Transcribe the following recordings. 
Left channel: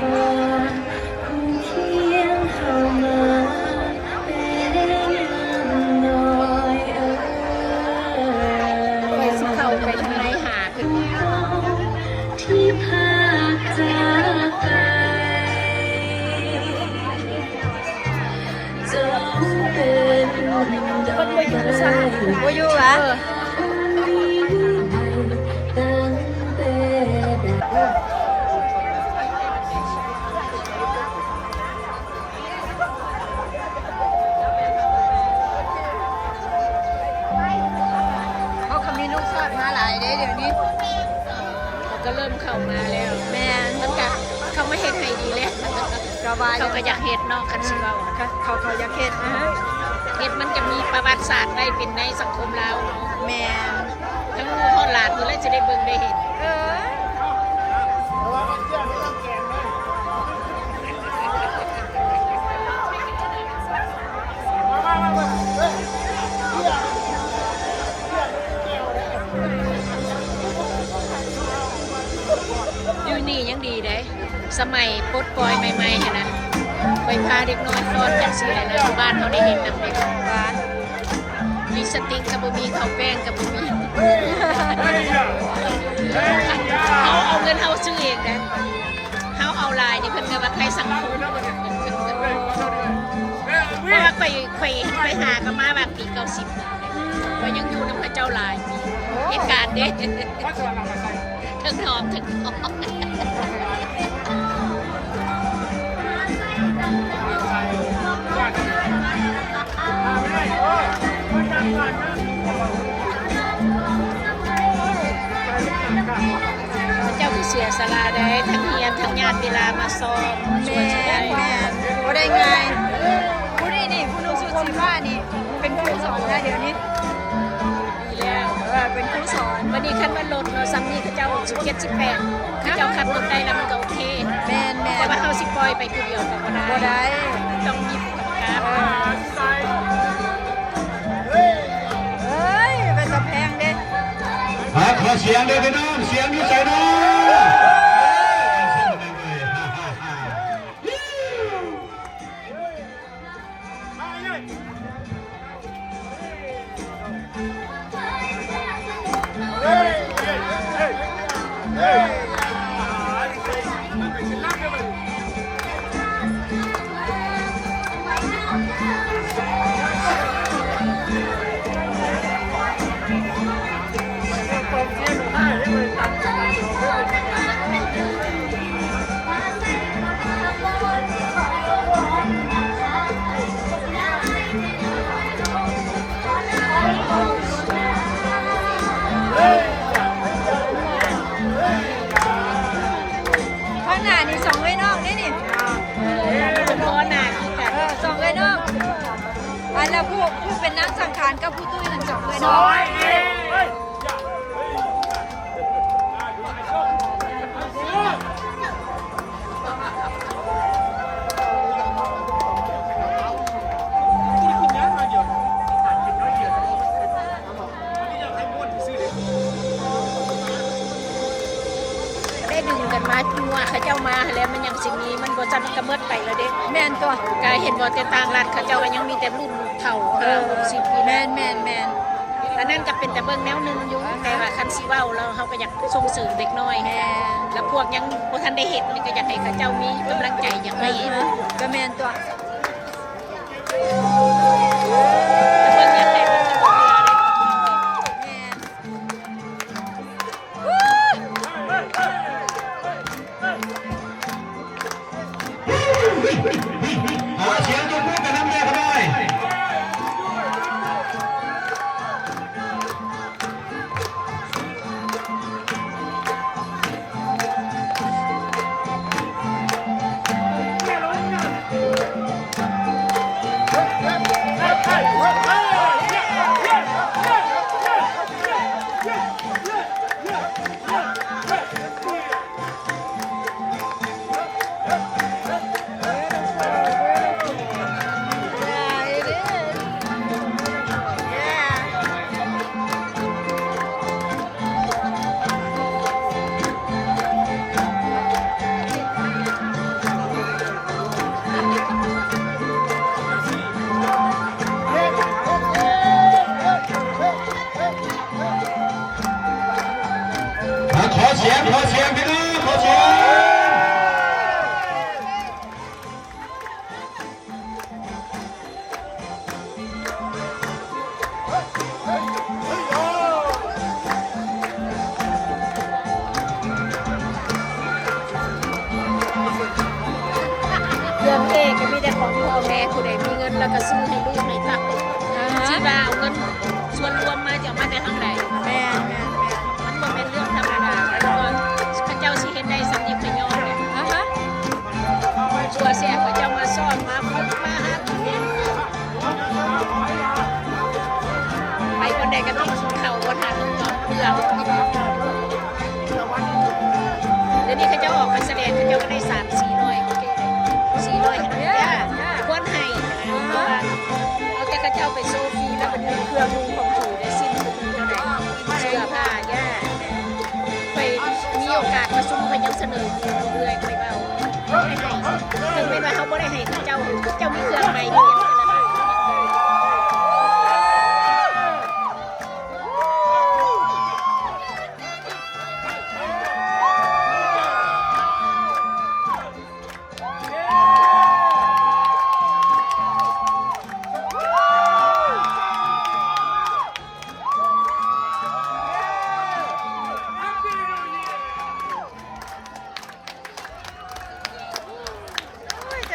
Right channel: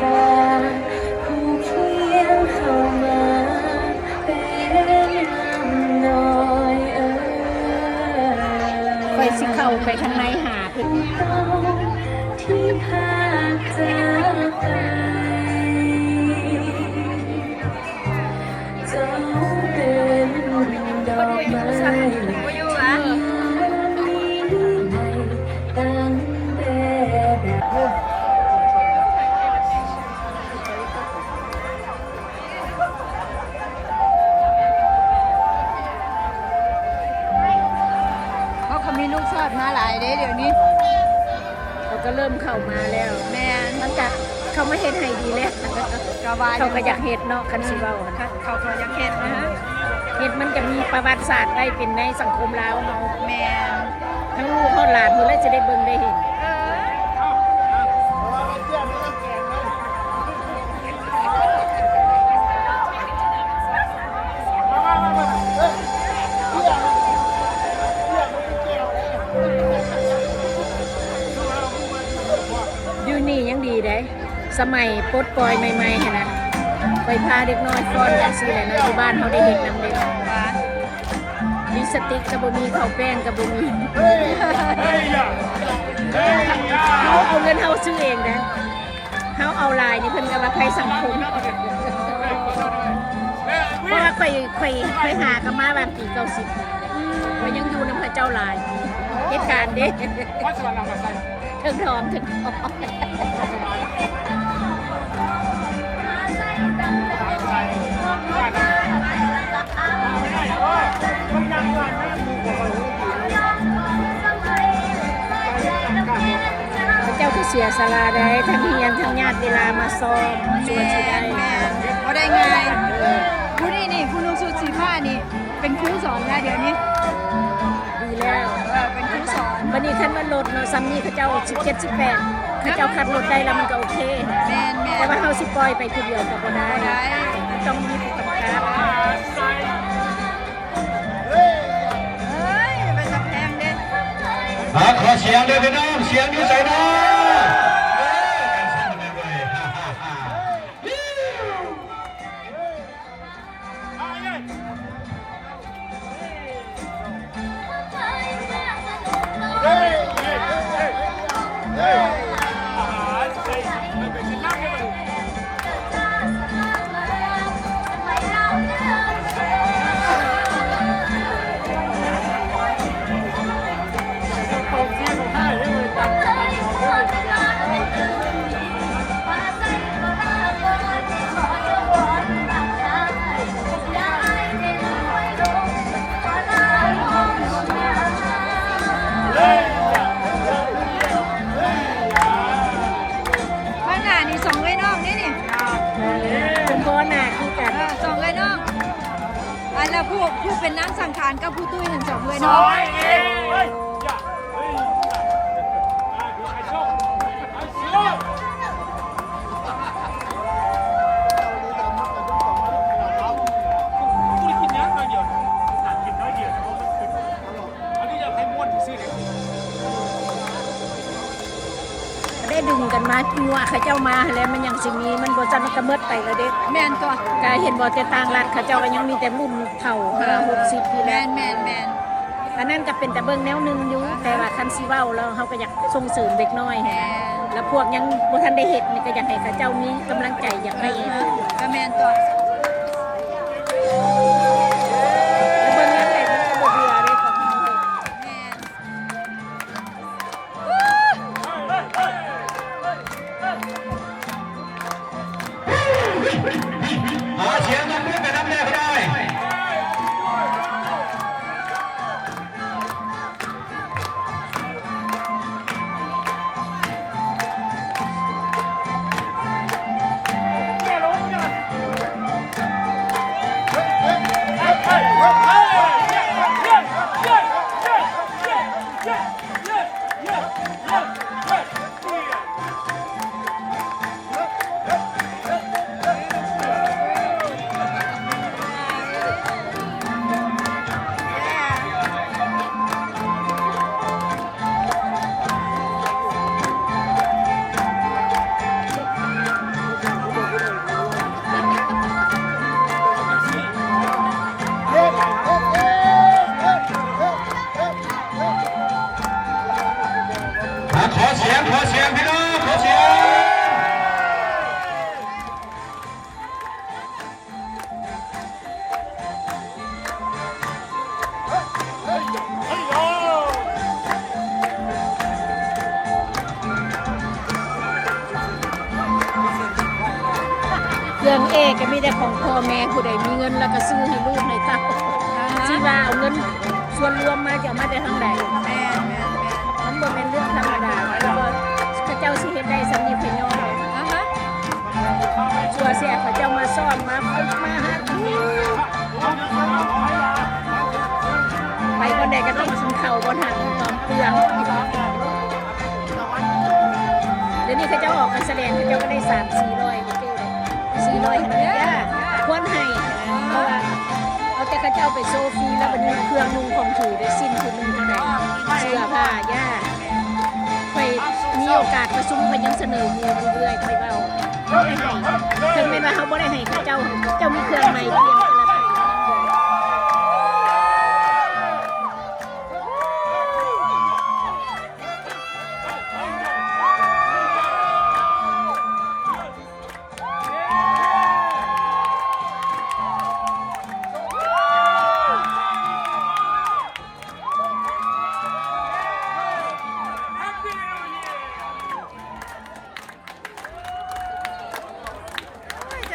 ตาผู้เคียงเข้ามาเป็นน้อยไปสิเข้าไปทางไหนหาพี่ที่พาจากไปเจ้าเป็นดอกไม้บ่อยู่อ่ะเขามีลูกชอดมาหลายเด้เดี๋ยวนี้เขาก็เริ่มเข้ามาแล้วแม่นตั้งแต่เขาไม่เฮ็ดให้ดีแล้วกว่าเขาก็อยากเฮ็ดเนาะคันสิเว้าเขาอยากเฮ็ดนะฮะเฮ็ดมันจะมีประวัติศาสตร์ได้เป็นในสังคมลาวเนาะแม่นทั้งลูกทั้งหลานเพิ่นเลยจะได้เบิ่งได้เห็นอยู่นี่ยังดีเด้สมัยปลดปล่อยใหม่ๆหั่นน่ะไปพาเด็กน้อยฟ้อนจังซี่แหละนะอยู่บ้านเขาได้เห็นนำเด็กบ้านมีสติ๊กก็บ่มีข้าวแป้งก็บ่มีเขาเอาเงินเขาซื้อเองนะเขาเอาลายนี่เพิ่นก็ว่าไทยสังคมว่าค่อยหากันมาว่าปี90ก็ยังอยู่ในพระเจ้าลายเหตุการณ์เด้ทั้งหอมทั้งหอมเจ้าคือเสียสละได้ทั้งเฮียนทั้งญาติเวลามาซ้อมแม่นบ่ได้ง่ายผู้นี่ผู้นุ่งสูทสีฟ้านี่เป็นครูสอนนะเดี๋ยวนี้ดีแล้วเป็นครูสอนวันนี้คันว่ารถมีซังนี่เขาเจ้า17 18เขาเจ้าคันรถได้แล้วมันก็โอเคแม่นแต่ว่าเฮาสิปล่อยไปผู้เดียวก็บ่ได้ต้องมีผู้กำกับเอ้ยเป็นตะแพงเด้ขอเสียงเดี๋ยวพี่น้องเสียงอยู่ใส่น้องนี่สองเลยน้องนี่เป็นพ่อหน้าคือกันสองเลยน้องอันแล้วผู้เป็นนักสังขารกับผู้ตู้สองเลยน้องดึงกันมาจัวเขาเจ้ามาแล้วมันยังสิ่งนี้มันบ่จำกระเมิดไปแล้วเด็กแม่นตัวกายเห็นบ่แต่ต่างรัฐเขาเจ้าก็ยังมีแต่รุ่นเฒ่า60ปีแม่นอันนั้นก็เป็นแต่เบิ่งแนวนึงอยู่แต่ว่าคันสิเว้าแล้วเฮาก็อยากส่งเสริมเด็กน้อยแล้วพวกยังบ่ทันได้เฮ็ดนี่ก็อยากให้เขาเจ้ามีกำลังใจอยากให้ก็แม่นตัวเบิ่งยังไงมันจะบ่เบื่อเลยของมันแม่นเสียงตรงนี้ไปน้ำแน่ก็ได้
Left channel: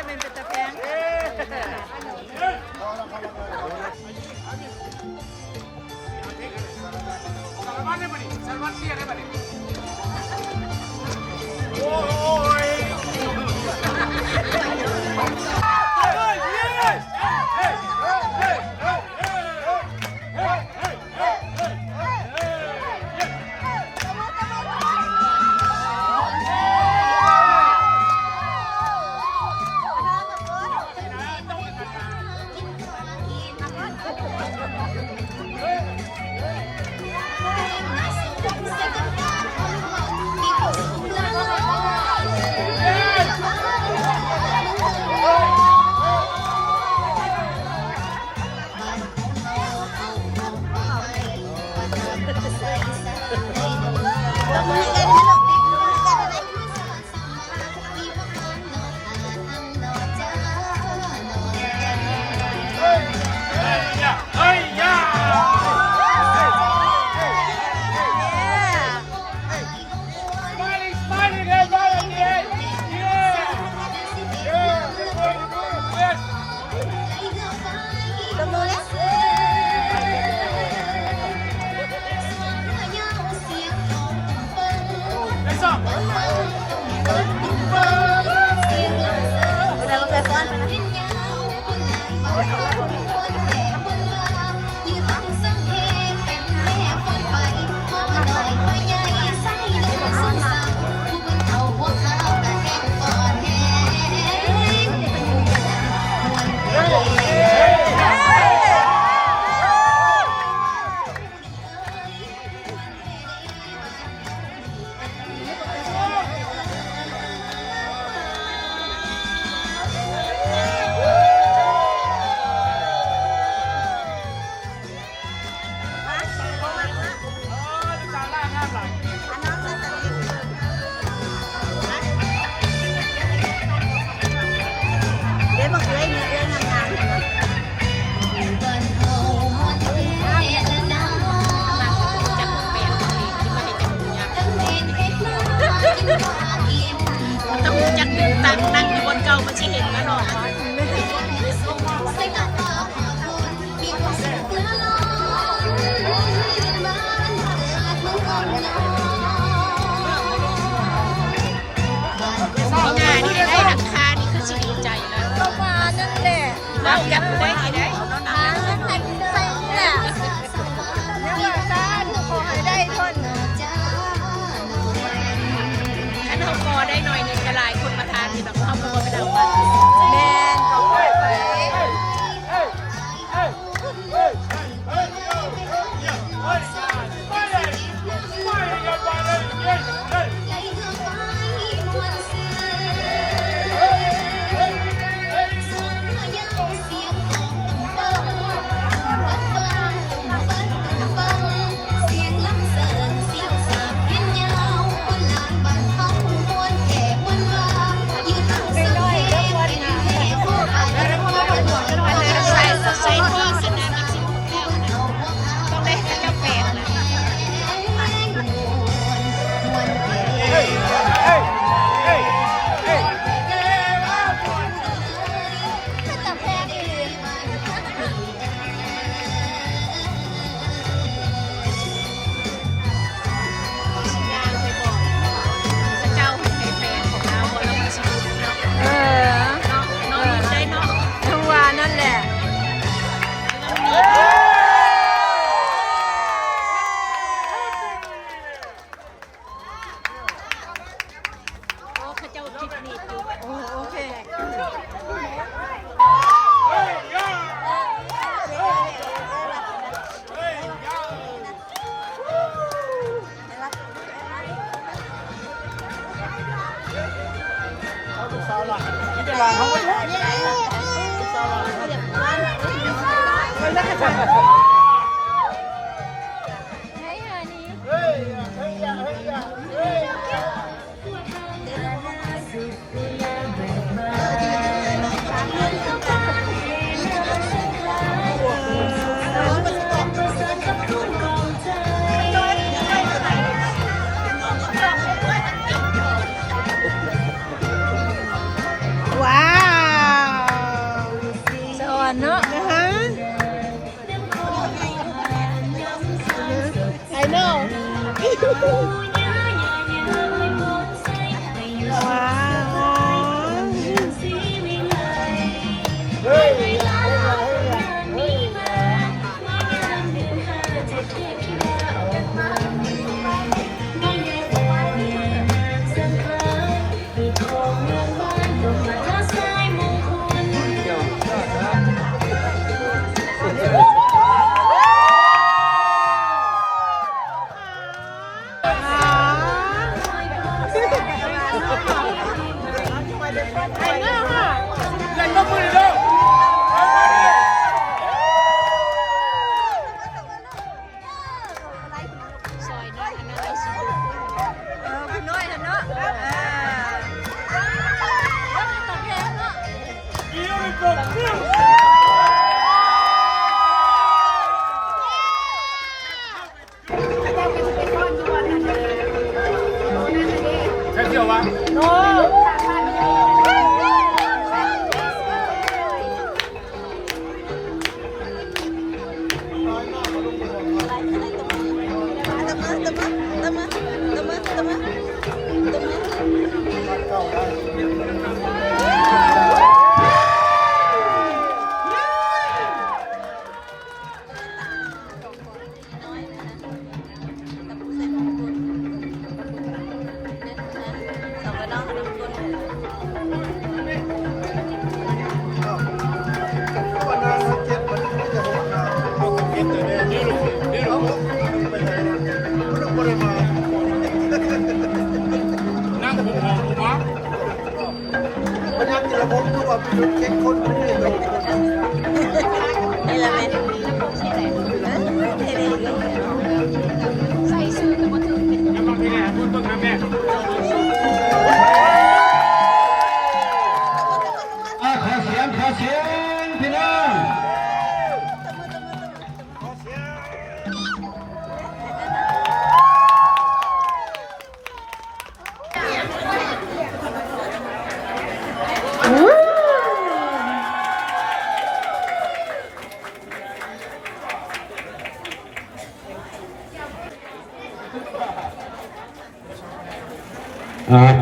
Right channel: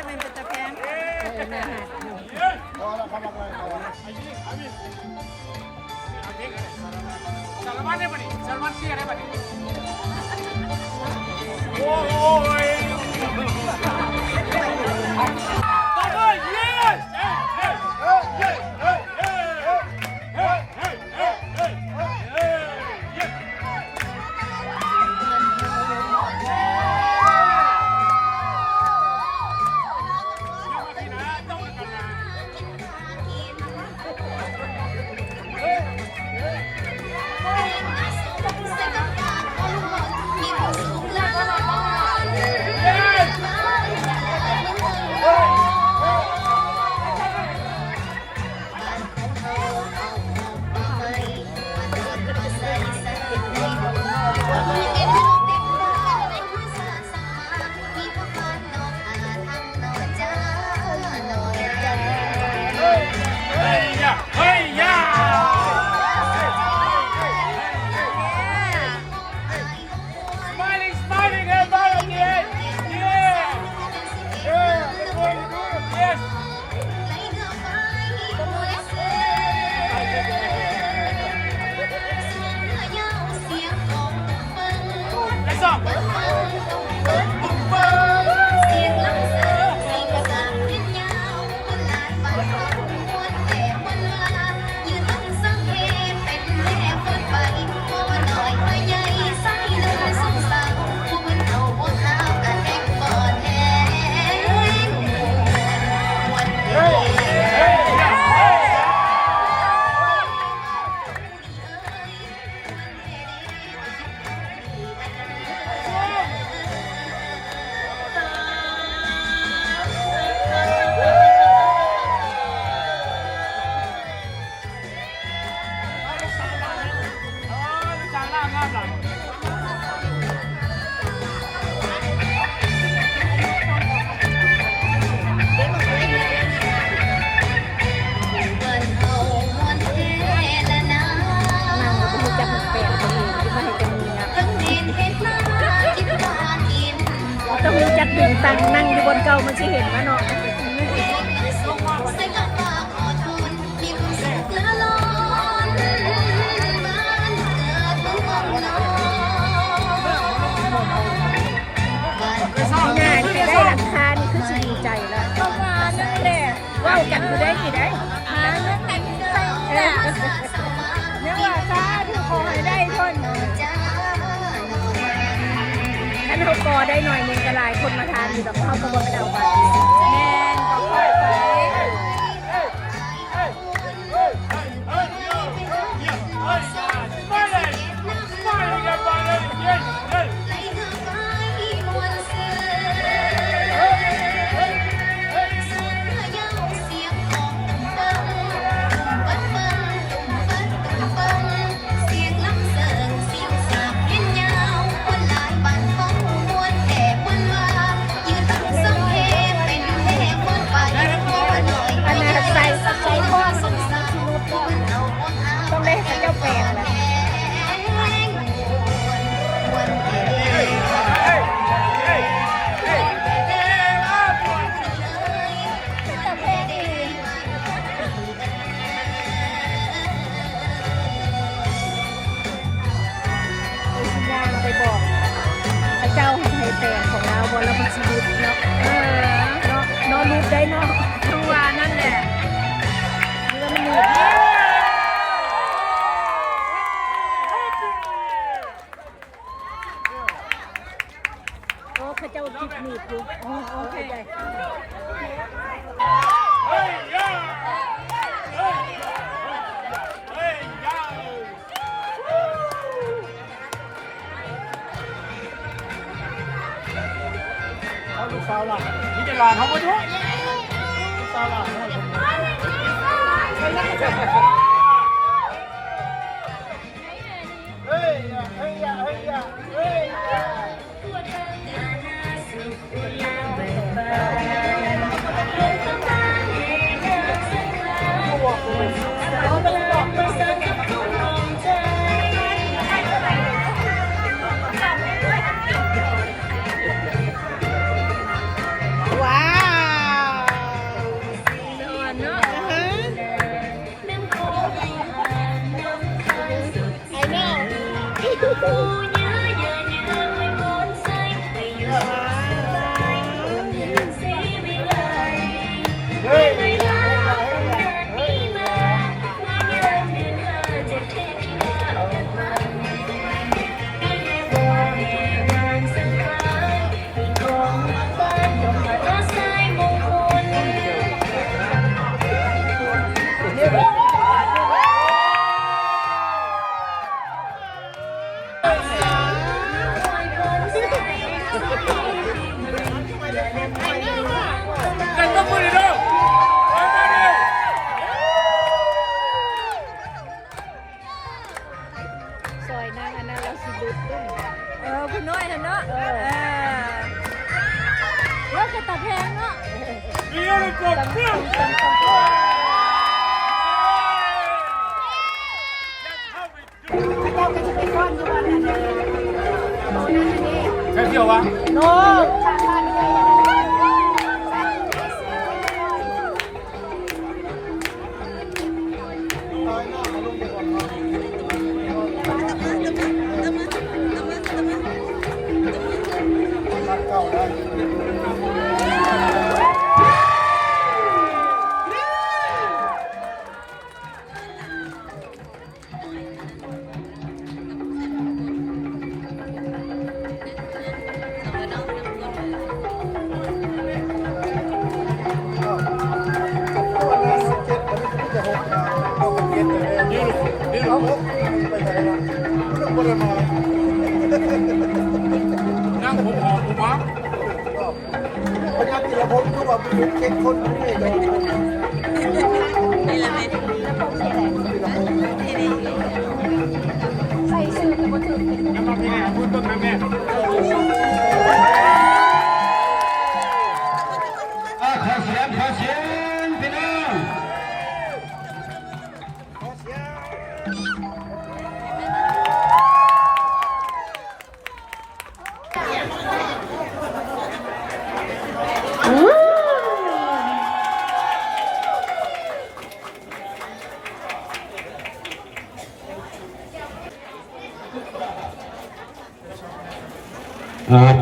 เป็นตะแพง ต้องรู้จักดึงตังนั่งอยู่บนเก้ามันจะเห็นไหมเนาะ ใส่กับปากขอทนมีความสุขเหลือล้นบ้านเกิดเมืองกองนอนบ้านเกิด เอางานที่ได้ราคานี่คือจะดีใจแล้ว ก็มานั่นแหละ ได้จับได้กี่ได้ หาเงินให้ใส่นี่แหละเนี่ยว่าซาถูกขอให้ได้ทน จ้า อันเขาปอได้หน่อยหนึงก็หลายคนมาทานอยู่แบบเขาประกอบใจ แมนก็ค่อยไป ใส่ท่อขนาดนักสิมุดแล้วนะต้องได้ให้เจ้าแปลงแหละ เป็นตะแพงอีหลี ยางไปบอกพระเจ้าให้แปลงของเราบนระบบชีวิตเนาะ เออ นอนอยู่ได้เนาะ ทั้งว่านั่นแหละ นี่มันมีโอ้พระเจ้าจิบหนีบอยู่ โอเค เนาะ I know ซอยนั่นอันนั้นไอซีบุ๊ก คุณน้อยเนาะแล้วก็ตะแพงเนาะ ใส่ซื้อแต่บ่ถึง ขอเสียงพี่น้อง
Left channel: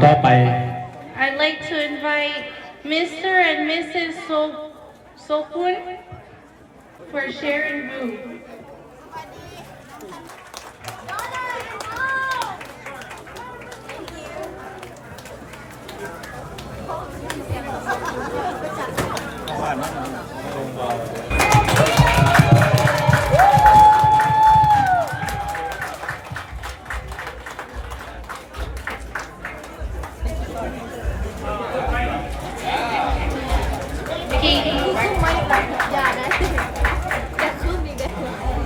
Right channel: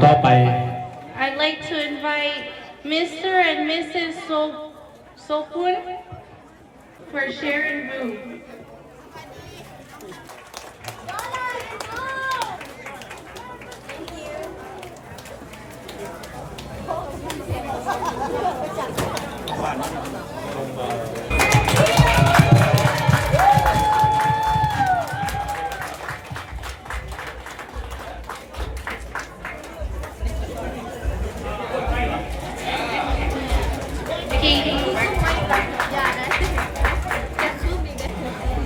ต่อไป I'd like to invite Mr. and Mrs. Sopun for sharing room.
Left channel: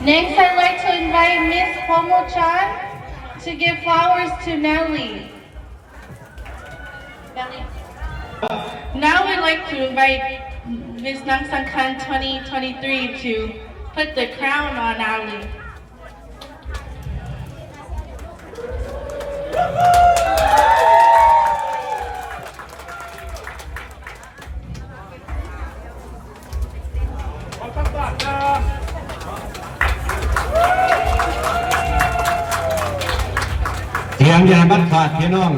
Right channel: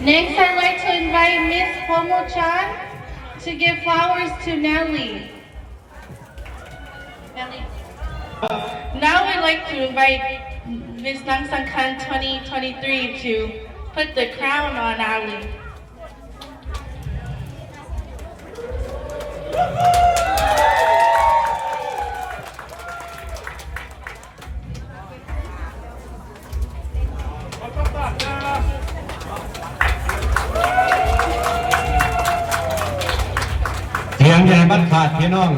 'Next, I'd like to invite Miss Pomo-chan to give flowers to Nellie. Now we'd like to invite Miss Namsangkan 2023 to put the crown on Ali.เสียงอย่าบัดขาดพี่น้อง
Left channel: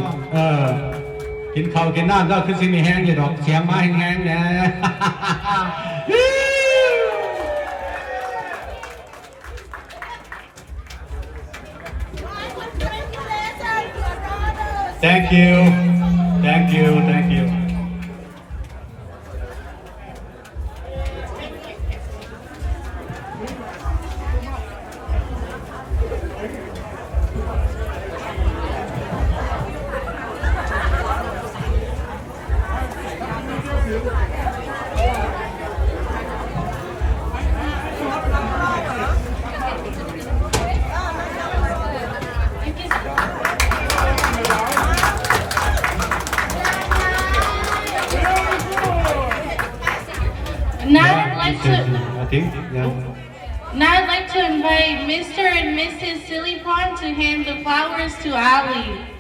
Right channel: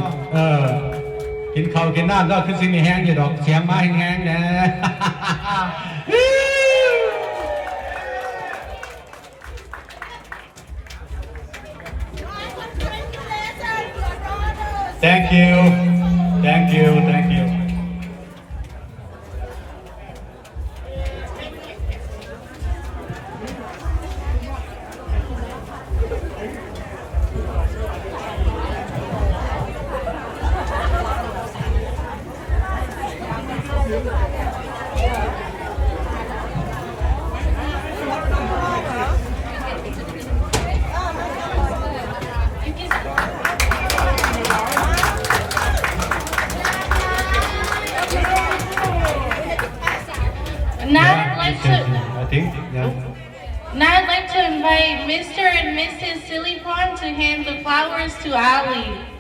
กินข้าวกินน้ำก็คือสิมีแห้งอยู่ดอก เสียงมาแห้งๆนะ Thank you. Thank you. Thank you. Now I'd like to invite Mr. and Mrs. Sillypon to hand the flowers to Ali.